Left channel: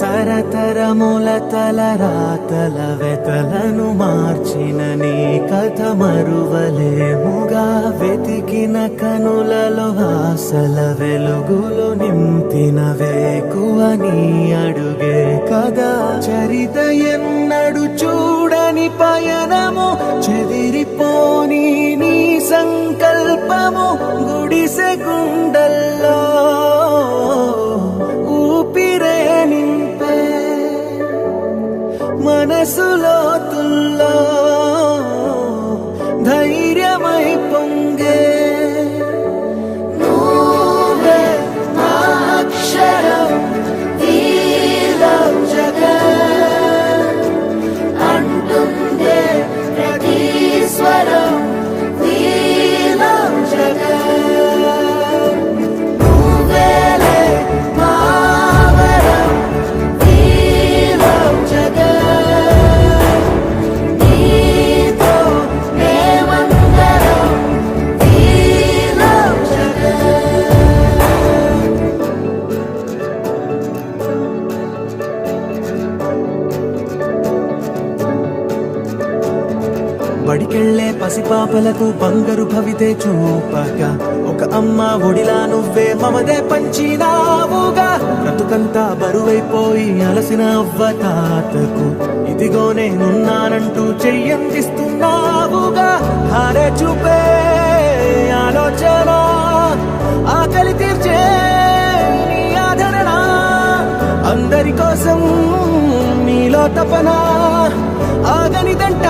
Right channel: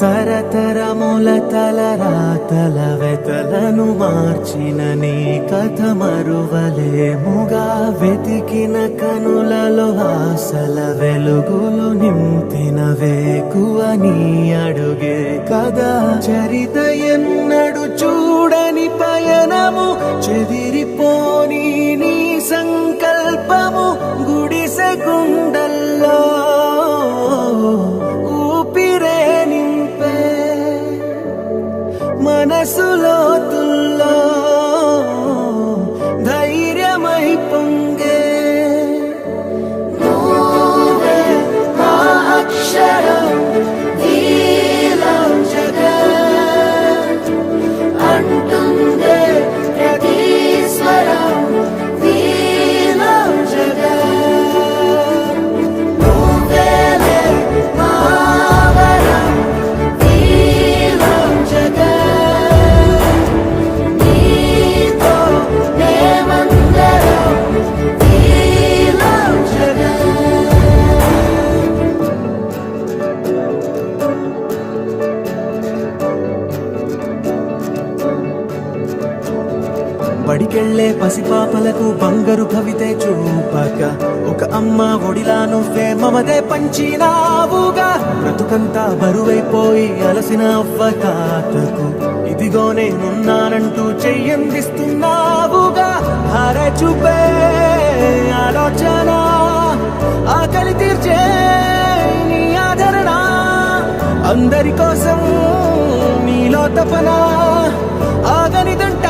తరతరముల తలరాతల వెతలను మార్చిన నీ కథ మరువలేముగా. వెతికిన కనులలో ఆశల వెలుగులు నింపిన వేకువ నీ అడుగే కదా. చరిత ఎన్నడు చూడని పయనము, చెదిరిపోని నీ సంకల్పము. గుడిసె గుండల్లో ఊపిరే నింపే, మనసులో తుల్లో ధైర్యమై పొంగే. నువ్వే మా అక్షరం, we love జగత్ అంటుందే ప్రతి స్వరం, we love జగత్. నువ్వేలే మా వరం, we love జగత్. నీతో మేమందరం, we love జగత్. బడికెళ్లే పసిపాపలకు బంగారు భవితే చూపక, ఒక అమ్మ ఒడిలా నువ్వే మమదే పంచినావుగా. బ్రతుకంతా బరువైపోయి అలసిన అవ్వ తాతకు ఇదిగో నేనున్నానంటూ చెయ్యందిస్తున్నావుగా. ధార చూపే ఆలోచన, ఆకలి తీర్చే నీ ఆదరణ. అందరి కోసం నీలో తపన ఆగనిదంట.